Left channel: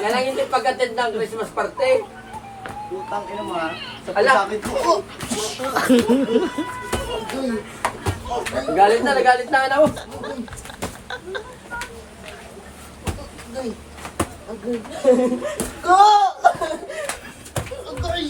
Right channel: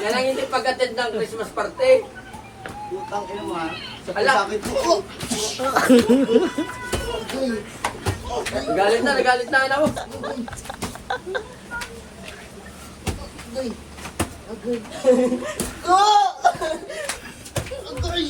Yan ang hindi pag-attend ng Christmas party. Putang ina mo ha. Sa Ala. sakit ko. Nagalit na anak mo. Go! Agay!